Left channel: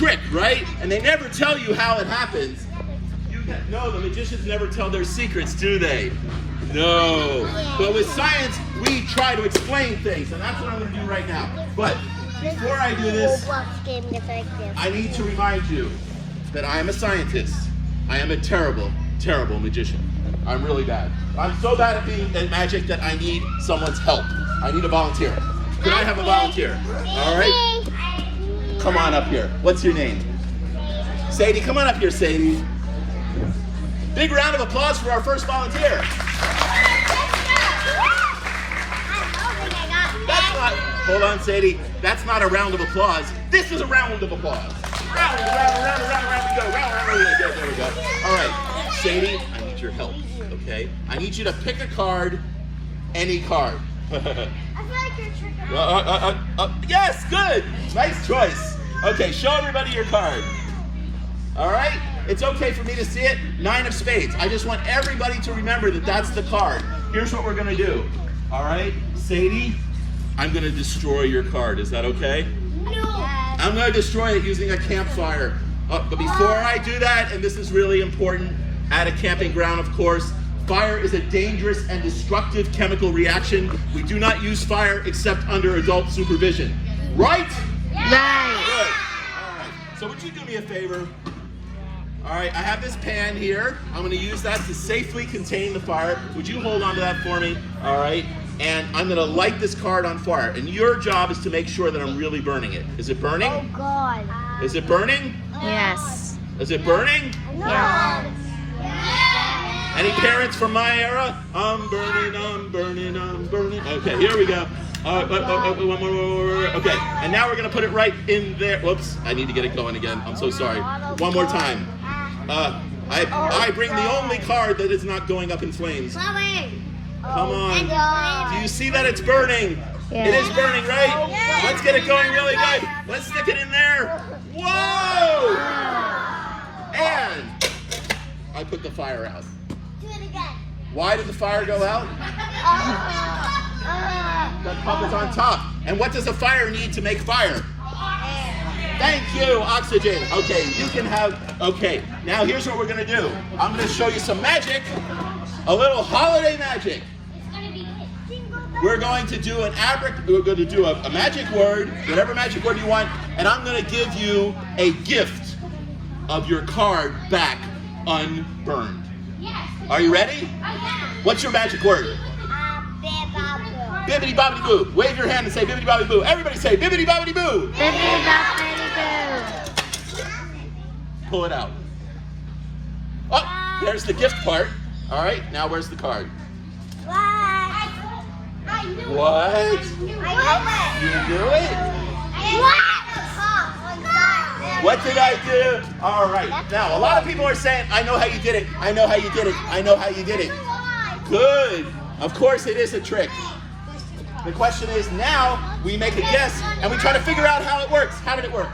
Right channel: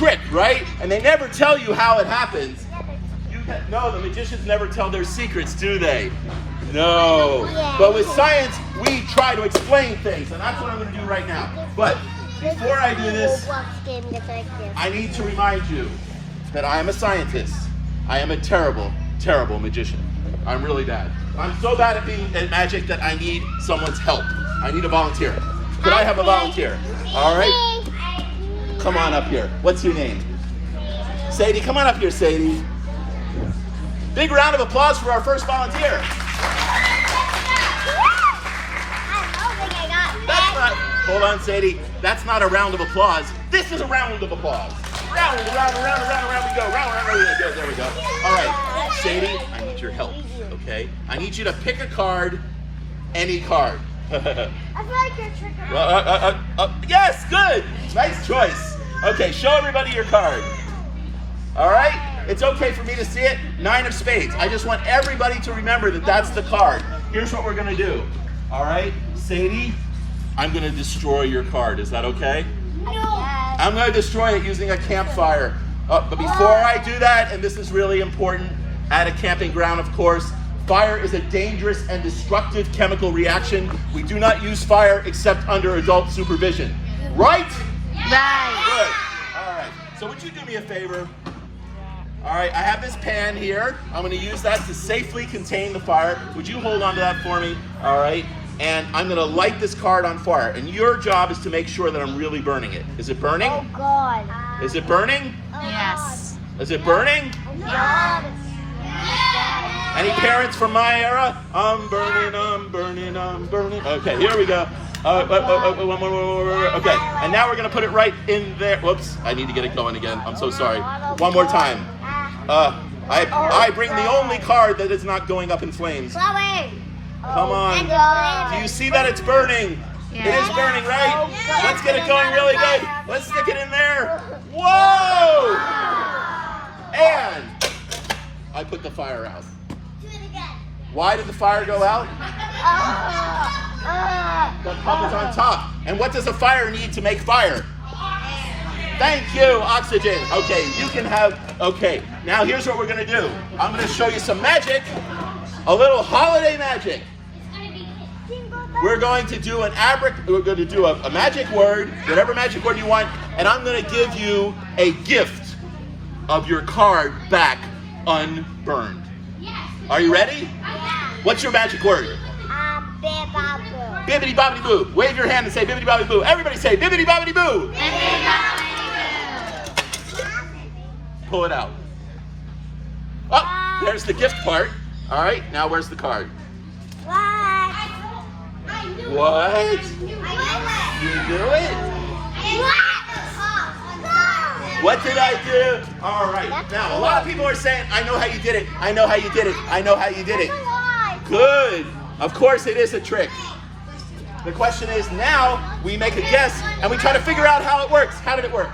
trick, right? And they never tell you how it happens. No, the magicians never tell their secrets, do they? No. But with science, we try to explain things, and that's what I'm going to do right now. But before I do this, I need to remind you that I am a scientist. I am a terrible, terrible magician. I'm really bad. I'm so bad at magic that I need someone's help. I need a volunteer. Could I have a volunteer? All right. Come on up here. What's your name? Sadie, come on up here, Sadie. Big round of applause for our first volunteer. That's not, hold on, Sadie. That's not a round of applause. This is a round of applause. Round we go. There we go. All right, Sadie, I need your help, okay? I need you to pick a card, any card. Yes, good. Nice choice. Okay, show everybody your card. All right? It's okay for me to see it. 9 of spades. I just want everybody to remember that that's the card. Here's what we're going to do. All right? Sadie, I'm going to destroy your card. Is that okay? No. I'm going to destroy it using a campfire. But before I do that, and this is really important, at a camping ground, of course, fire is a dangerous and destructive chemical reaction. We do not use fire except under adult supervision. Right? Right. Good. All right. So would you do me a favor? All right, I have this pan here. I'm going to use that to safely contain the fire. Would you hold on to that for me? All right. And I'm going to light this card on fire. And your job is to make sure that I'm really burning it. Is it burning? Oh, God. Is it burning? Yes. Is it burning? Yes. Any parents from my era? I'm burning, I'm burning, I'm burning. Okay, here we go. Okay, and now we're going to put it right in there. Whoops, I need to get it going again. I'm so sorry. One more time. I bring the only card that is not going up in flames. Come on. Do you see that it's burning? Yeah. It is burning, right? Let's get it going really good. Let's stick it in there. Whoa! And I put the fire out. Why did the fire go out? The cup is on top. And what does a fire need to make fire? Thank you, oxygen. Okay, you can have, okay. Now here's what we're gonna do. I'm gonna show you some magic, a little holiday magic. We're going to do a magic word, whatever magic word you want, and I'm gonna give you a gift of your card back unburned. Are you ready? What's your magic word? Bibbidi bobbidi boo. Wave your hand and say bibbidi bobbidi boo. Everybody say bibbidi bobbidi boo. Bibbidi bobbidi Pull it out. Oh, there's the gift part. All right, now where's the card? What? You do it? What did I do? All right. Now, a lot of people are saying, I know how you did it. I know how you did it. I know how you did it. Good. Of course it is a trick. The question is, now we make a guess and we try to figure out how it works. How did it work?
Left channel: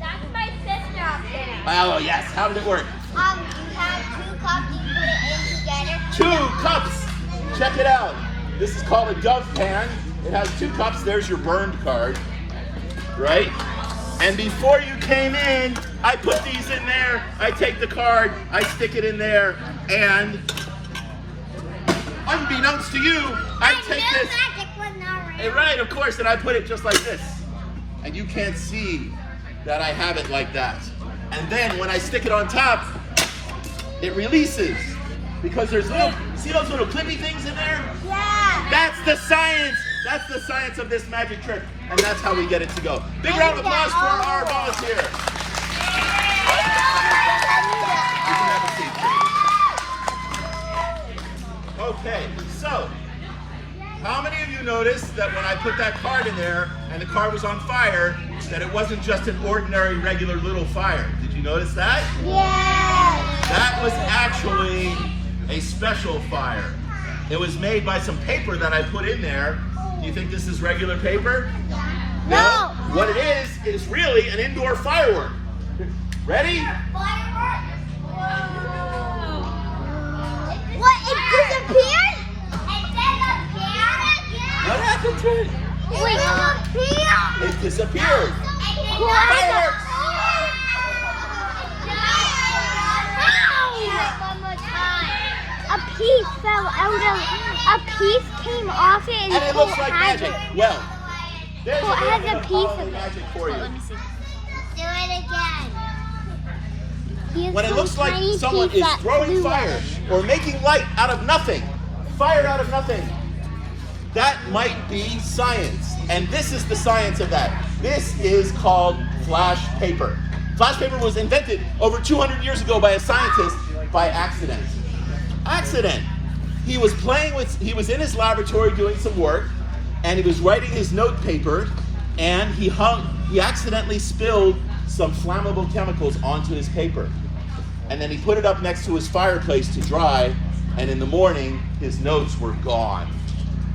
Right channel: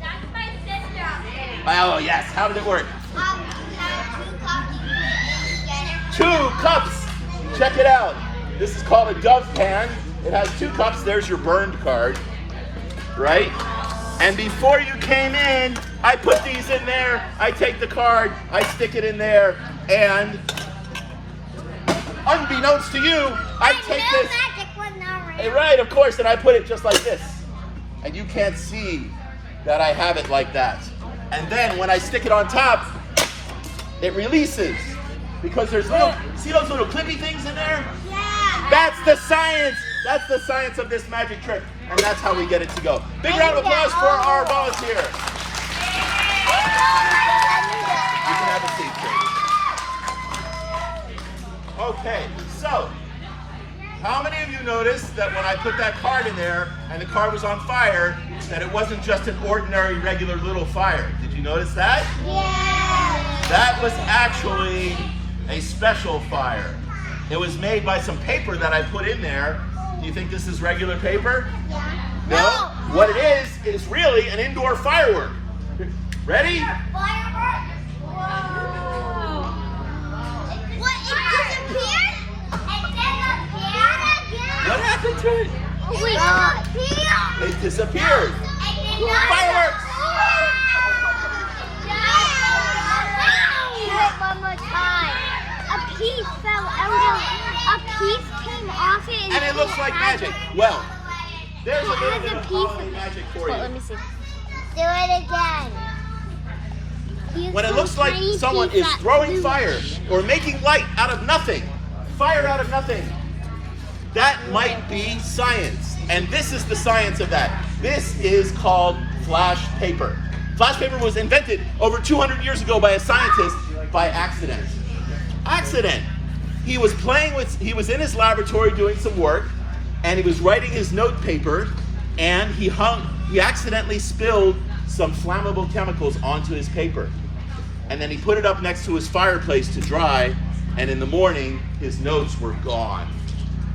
That's my sister. Oh, yes. How did it work? You have 2 cups, you put it in together. 2 cups. Check it out. This is called a dove pan. It has 2 cups. There's your burned card, right? And before you came in, I put these in there. I take the card, I stick it in there, and unbeknownst to you, I take this. Hey, right, of course, and I put it just like this. And you can't see that I have it like that. And then when I stick it on top, it releases. Because there's little, see those little clippy things in there? Yeah. That's the science. That's the science of this magic trick. And that's how we get it to go. Big round of applause for our volunteer. You can have a seat, please. Okay, so how many of you noticed that when I put that card in there and the card was on fire, that it wasn't just an ordinary, regular little fire? Did you notice that? Yeah. That was actually a special fire. It was made by some paper that I put in there. Do you think this is regular paper? No. What it is really an indoor firework. Ready? Fireworks. What? It disappeared? What happened to it? It disappeared. It disappeared. Fireworks! like magic. Well, there's a Well, it little has bit a of piece holiday of it. magic for Let you. me see. Do it again. When it looks like someone is throwing fire or making light out of nothing, fire out of nothing, that might be science. And this is the science of that. This is called flash paper. Flash paper was invented over 200 years ago by a scientist by accident. Accident. He was he was in his laboratory doing some work, and he was writing his note paper, and he accidentally spilled some flammable chemicals onto his paper. And then he put it up next to his fireplace to dry, and in the morning, his notes were gone.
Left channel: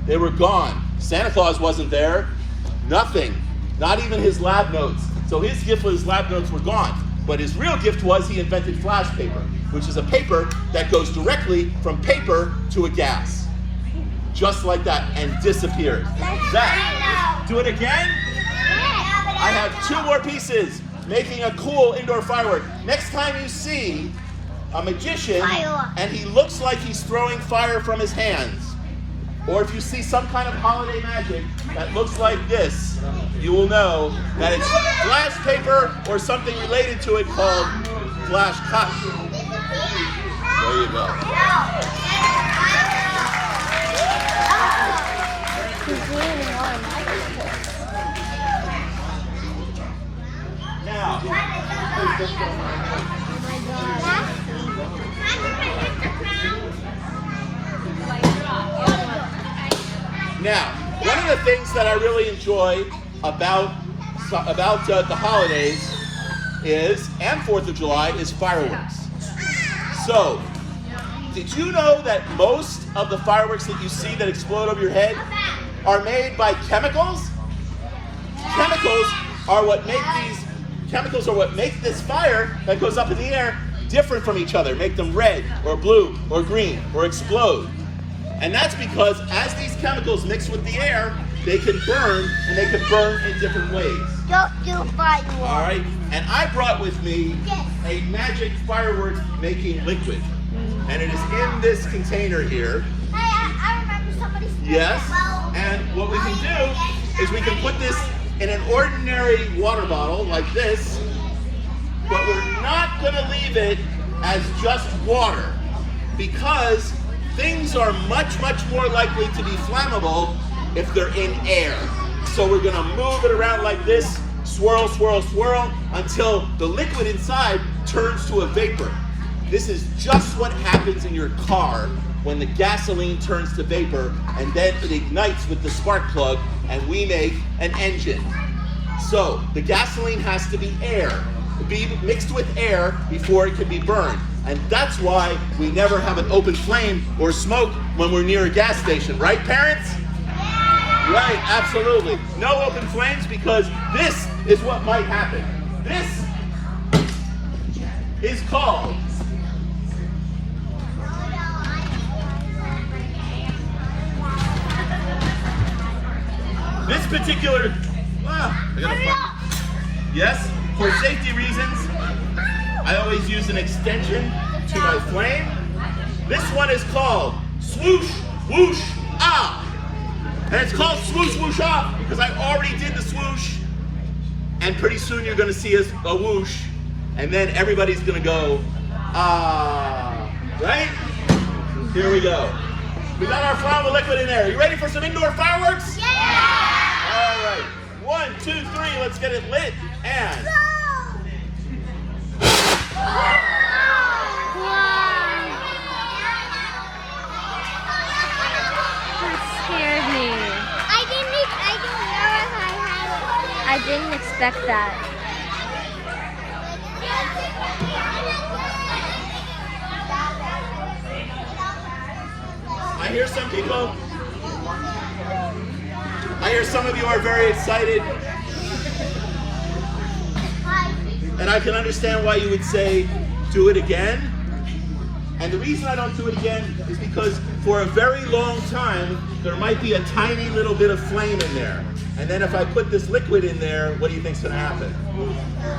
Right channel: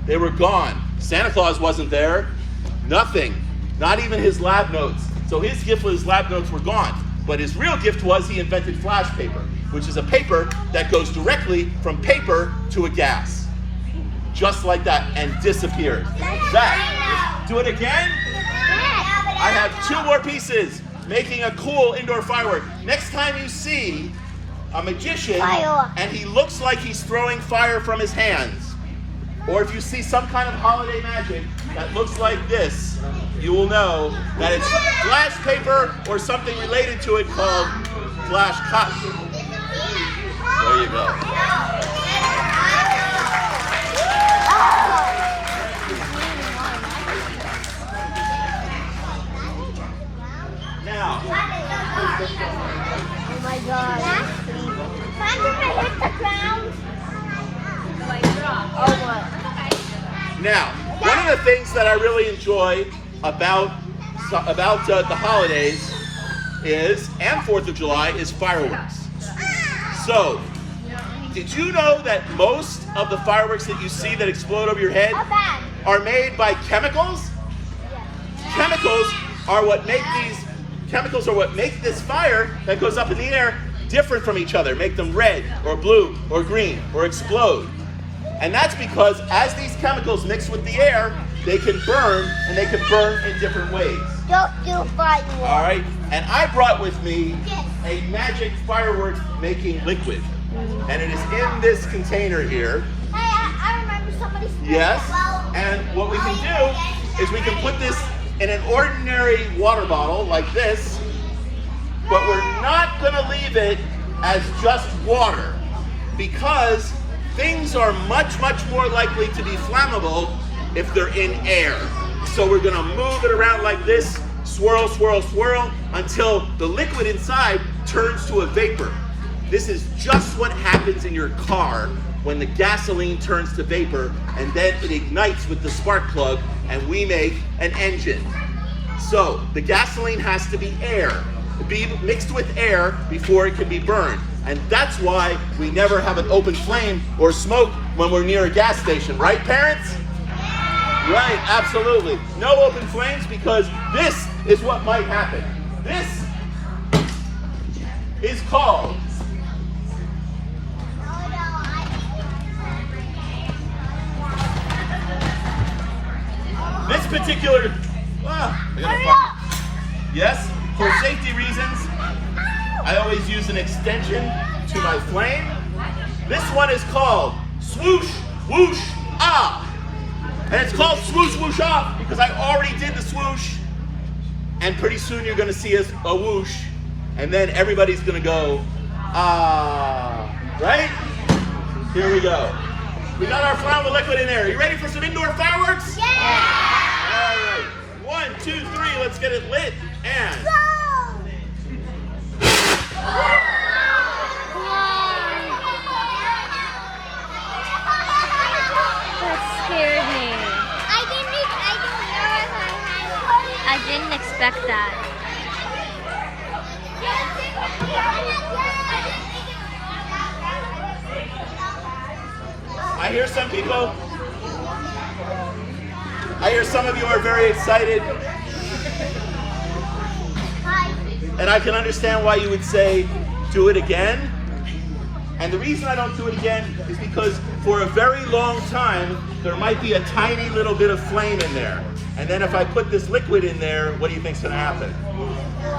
They were gone. Santa Claus wasn't there. Nothing. Not even his lab notes. So his gift was his lab notes were gone. But his real gift was he invented flash paper, which is a paper that goes directly from paper to a gas. Just like that, and disappeared. That. Do it again? I have 2 more pieces, making a cool indoor firework. Next time you see a magician and he looks like he's throwing fire from his hands, or if you see some kind of holiday magic that looks like this, you will know that it's flash paper or something related to it called flash cotton. There you go. Now, Oh my god. Hit the ground. Now, one of the things that I really enjoy about the holidays is, and 4th of July, is fireworks. So, did you know that most of the fireworks that you see that explode over your head are made by chemicals? Chemicals are what make this fire that goes up in the air different from each other, make them red or blue or green or explode. And that's because as these chemicals mix with the air, they can burn, and they can burn in different ways. Don't do fireworks. All right? And I brought with me a magic fireworks making liquid. And it is in this container here. I remember somebody said Yes. And what we can do is we can put this in an ordinary water bottle like this, but we're not going to leave it as just water, because things are much, much more likely to be flammable if they're in air. So we're gonna move it around like this, swirl, swirl, swirl, until the liquid inside turns to a vapor. This is just what happens in your car when the gasoline turns to vapor, and then it ignites with the spark plug, and we make an engine. So the gasoline has to be mixed with air before it can be burned. And that's why we never have an open flame or smoke when we're near a gas station, right, parents? Right, absolutely. No open flames, because this is what might happen. This is called this particular. Yes, for safety reasons, I always use an extension to my flame. This one is called Swoosh Whoosh Ah. And it's called Swoosh Whoosh Ah because I already did the swoosh. And pretty soon you're gonna see a whoosh. And then everybody's gonna go, ah. Right? Here we go. We got our flammable liquid in there. You ready for some indoor fireworks? Yeah! All right. 1, 2, 3, let's get it lit. And That scared me. I didn't expect that. I hear some people. I hear some of you are very excited. And I can understand why you would say, do it again. And the reason I don't do it again is because for a very long time, there might be a tiny little bit of flame in there. And then if I put this liquid in there, what do you think's gonna happen?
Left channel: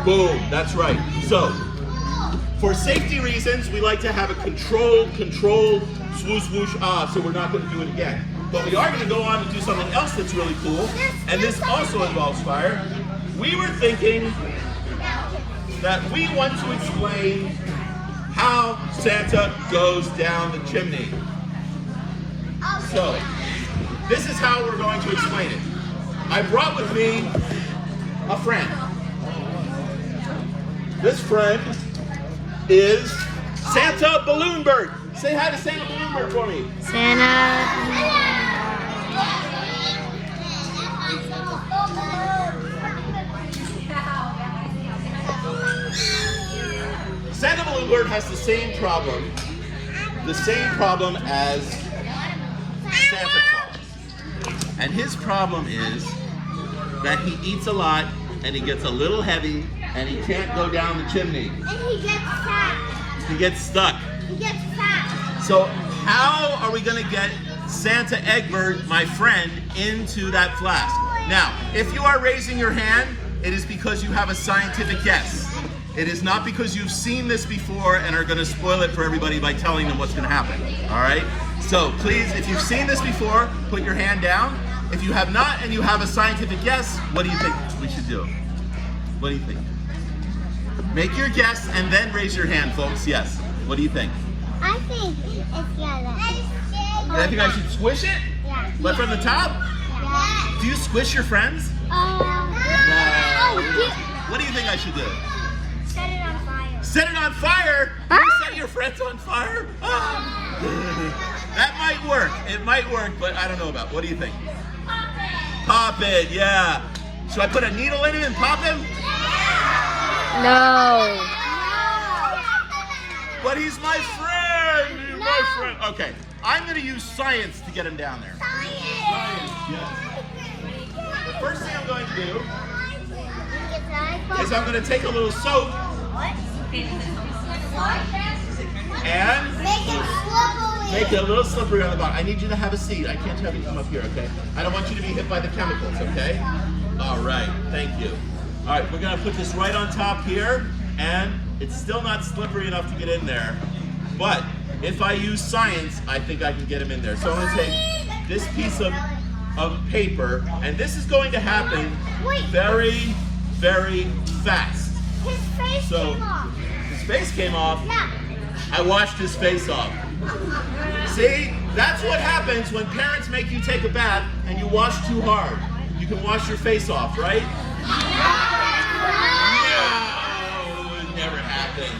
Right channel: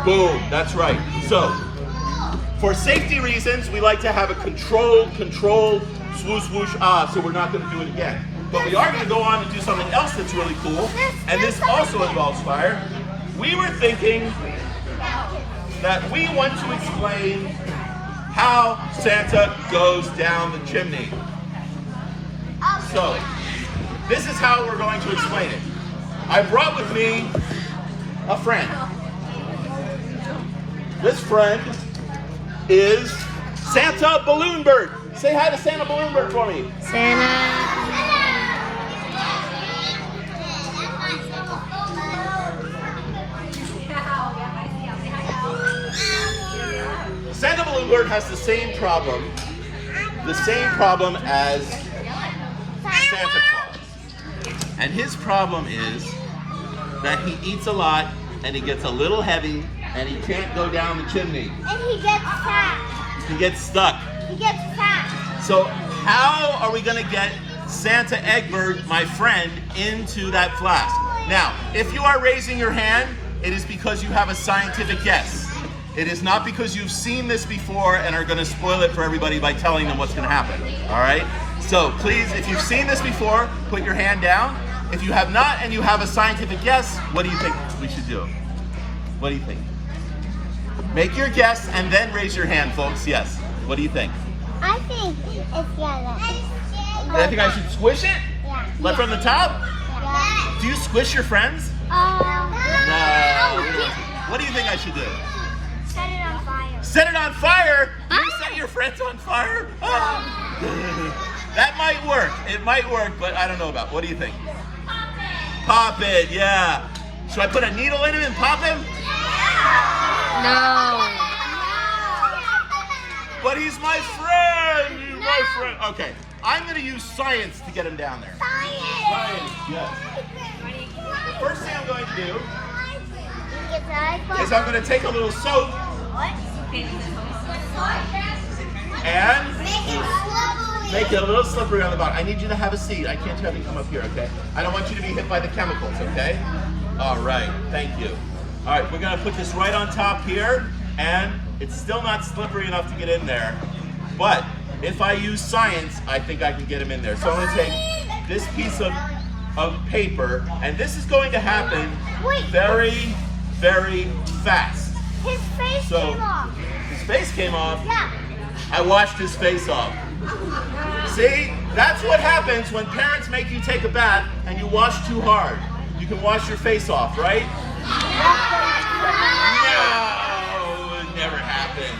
Boom, that's right. So, for safety reasons, we like to have a controlled, swoosh, whoosh, ah, so we're not gonna do it again. But we are going to go on and do something else that's really cool, and this also involves fire. We were thinking that we want to explain how Santa goes down the chimney. So, this is how we're going to explain it. I brought with me a friend. This friend is Santa Balloon Bird. Say hi to Santa Balloon Bird for me. Santa. Santa Balloon Bird has the same problem as Santa Claus. And his problem is that he eats a lot and he gets a little heavy and he can't go down the chimney. And he gets fat. He gets stuck. He gets fat. So how are we going to get Santa Egbert, my friend, into that flask? Now, if you are raising your hand, it is because you have a scientific guess. It is not because you've seen this before and are going to spoil it for everybody by telling them what's going to happen. All right? So please, if you've seen this before, put your hand down. If you have not and you have a scientific guess, what do you think we should do? What do you think? Make your guess and then raise your hand, folks. Yes. What do you think? I think it's yellow. I think I should squish it? Yeah. Like from the top? Yeah. Do you squish your friends? No. What do you think I should do? Set it on fire. Set it on fire? You set your friends on fire? That might work. It might work, but I don't know about. What do you think? Pop it, yeah. Should I put a needle in him and pop him? No. But he's my friend. He's my friend. Okay, I'm going to use science to get him down there. Science, yes. The first thing I'm going to do is I'm going to take a little soap and make it a little slippery on the bottom. I need you to have a seat. I can't have you come up here, okay? I don't want you to be hit by the chemicals, okay? All right, thank you. All right, we're going to put this right on top here, and it's still not slippery enough to get in there. But if I use science, I think I can get him in there. So I'm going to take this piece of paper, and this is going to happen very, very fast. His face came off. His face came off. Yeah. I washed his face off. See, that's what happens when parents make you take a bath and you wash too hard. You can wash your face off, right? No, it never happened.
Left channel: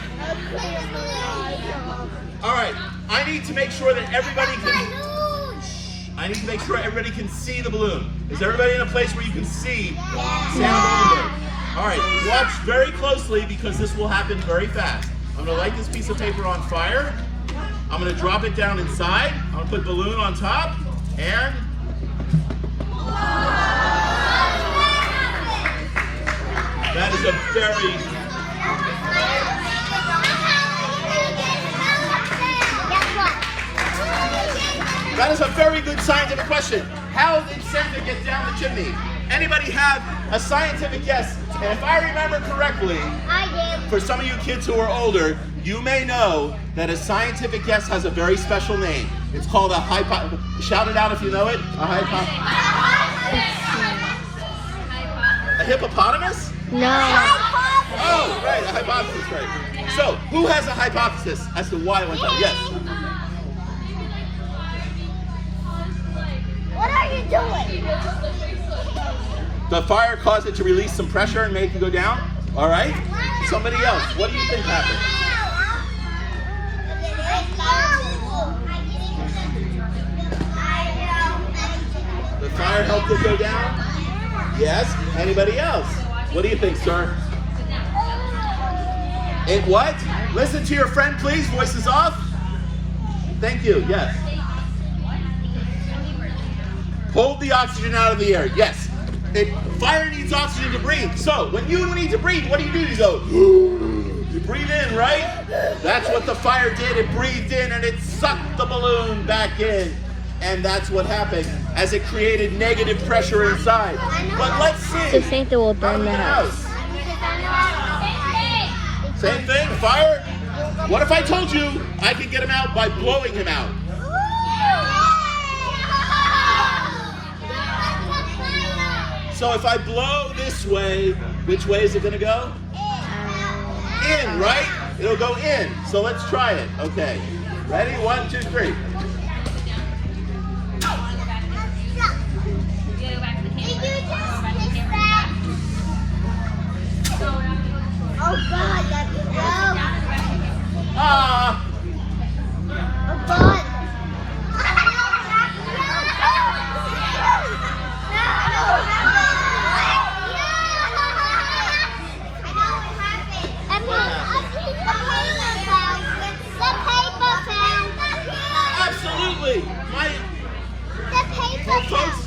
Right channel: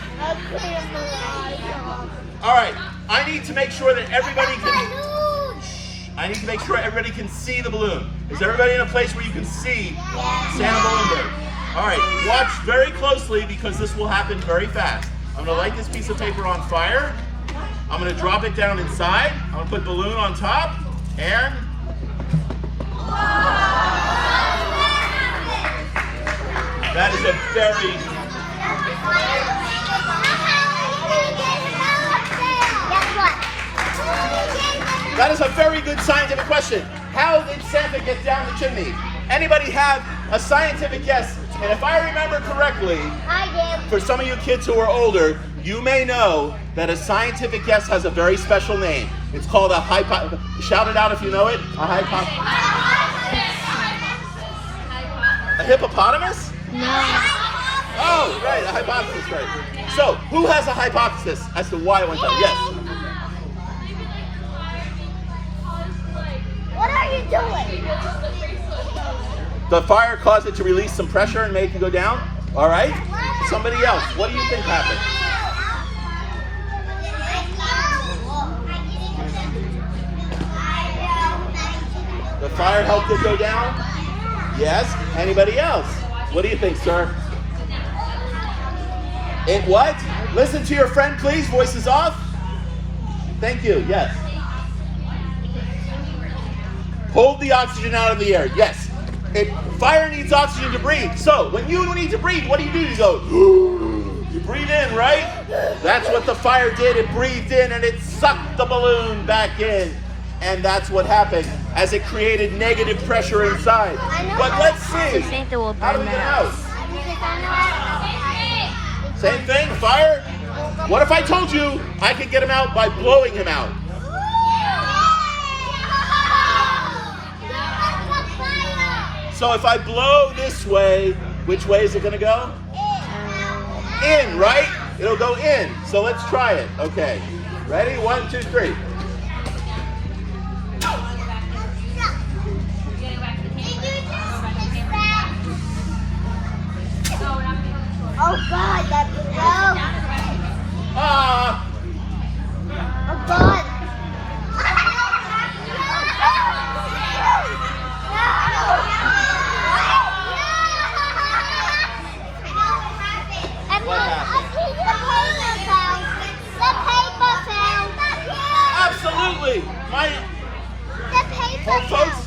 All right, I need to make sure that everybody can see the balloon. Is everybody in a place where you can see Santa Balloon Bird? All right, watch very closely because this will happen very fast. I'm gonna light this piece of paper on fire. I'm gonna drop it down inside. I'm gonna put balloon on top, and that is a very good scientific question. How did Santa get down the chimney? Anybody have a scientific guess? And if I remember correctly, I did. for some of you kids who are older, you may know that a scientific guess has a very special name. It's called a shout it out if you know it. A hippopotamus? No. Oh, right, a hypothesis, right. So, who has a hypothesis as to why it went down? Yes. What are you doing? The fire caused it to release some pressure and make it go down? All right. Somebody else, what do you think happened? The fire helped it go down? Yes. Anybody else? What do you think, sir? It what? Listen to your friend, please. Voices off. Thank you. Yes. Pulled the oxygen out of the air. Yes. Fire needs oxygen to breathe. So when you need to breathe, what do? You go, you breathe in, right? That's what the fire did. It breathed in and it sucked the balloon back in. And that's what happened as it created negative pressure inside. But let's see. So Santa will How do burn we the get house. out? Same thing, fire. What if I told you I could get him out by blowing him out? So if I blow this way, which way is it going to go? In, right? It'll go in. So let's try it. Okay. Ready? 1, 2, 3. Oh God, that's no. Ah! Oh God. Absolutely! Oh, folks.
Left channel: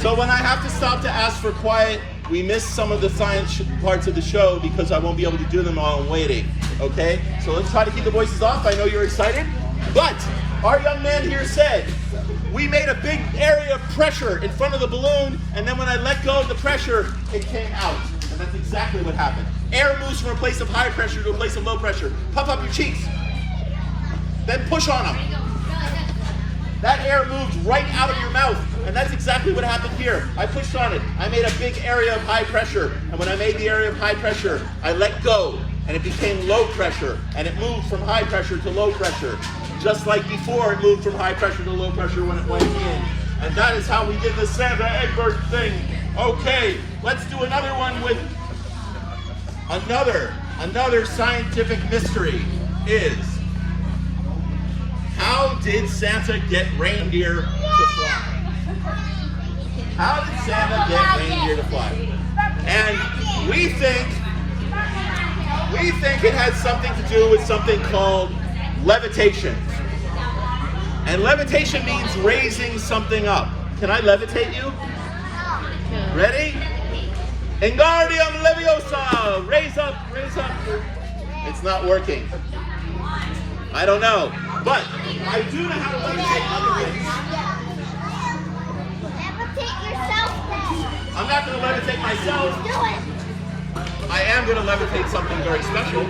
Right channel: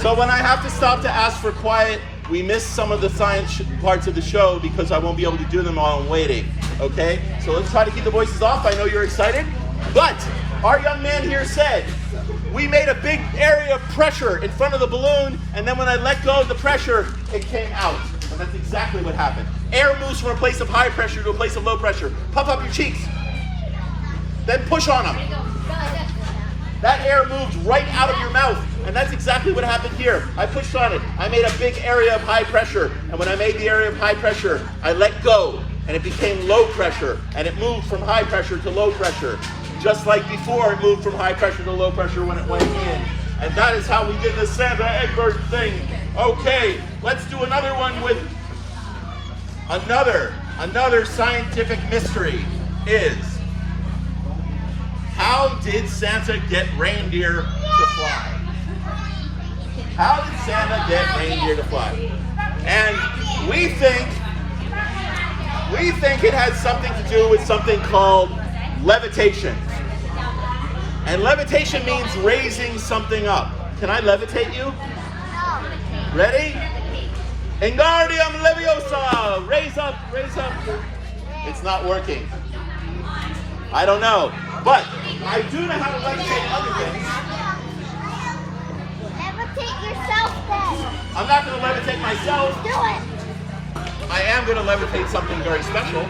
So when I have to stop to ask for quiet, we miss some of the science parts of the show because I won't be able to do them while I'm waiting, okay? So let's try to keep the voices off. I know you're excited, but our young man here said, we made a big area of pressure in front of the balloon, and then when I let go of the pressure, it came out. And that's exactly what happened. Air moves from a place of high pressure to a place of low pressure. Puff up your cheeks. Then push on them. That air moved right out of your mouth, and that's exactly what happened here. I pushed on it. I made a big area of high pressure, and when I made the area of high pressure, I let go, and it became low pressure, and it moved from high pressure to low pressure. Just like before, it moved from high pressure to low pressure when it went in. And that is how we did the Santa Egbert thing. Okay, let's do another one with another scientific mystery is, how did Santa get reindeer to fly? How did Santa get reindeer to fly? And we think it has something to do with something called levitation. And levitation means raising something up. Can I levitate you? Ready? Wingardium Leviosa! Raise up, raise up. It's not working. I don't know. But I do know how to levitate other things. Levitate yourself then. I'm not going to levitate myself. Do it. I am going to levitate something very special.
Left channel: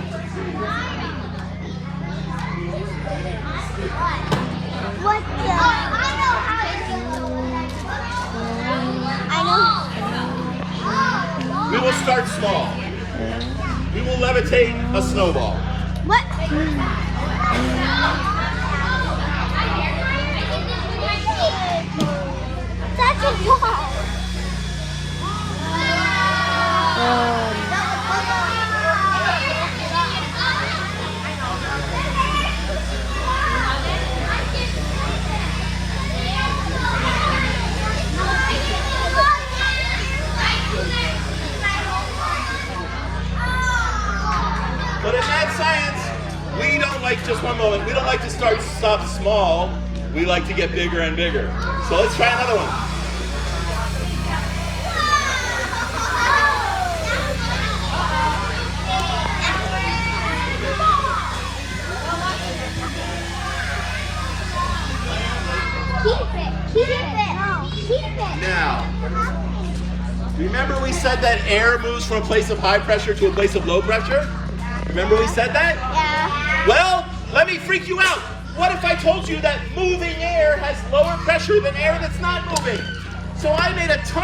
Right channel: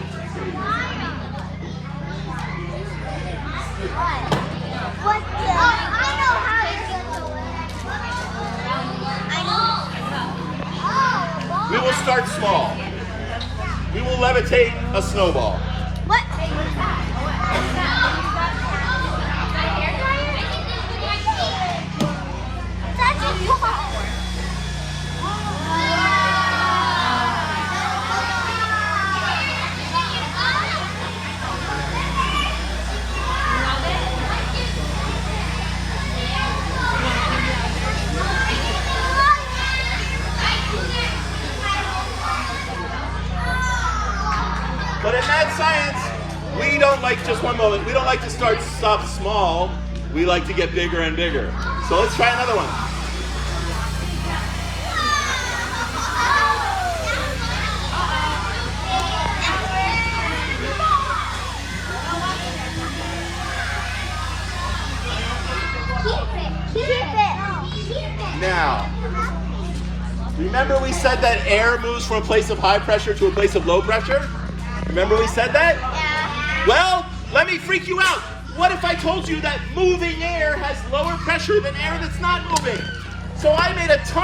We will start small. We will levitate a snowball. But in mad science, we don't like just one moment. We don't like to stop small. We like to get bigger and bigger. So let's try another one. Keep it. Now, remember we said that air moves from a place of high pressure to a place of low pressure? Remember we said that? Yeah. Well, let me freak you out. What if I told you that moving air has lower pressure than air that's not moving? So I made a ton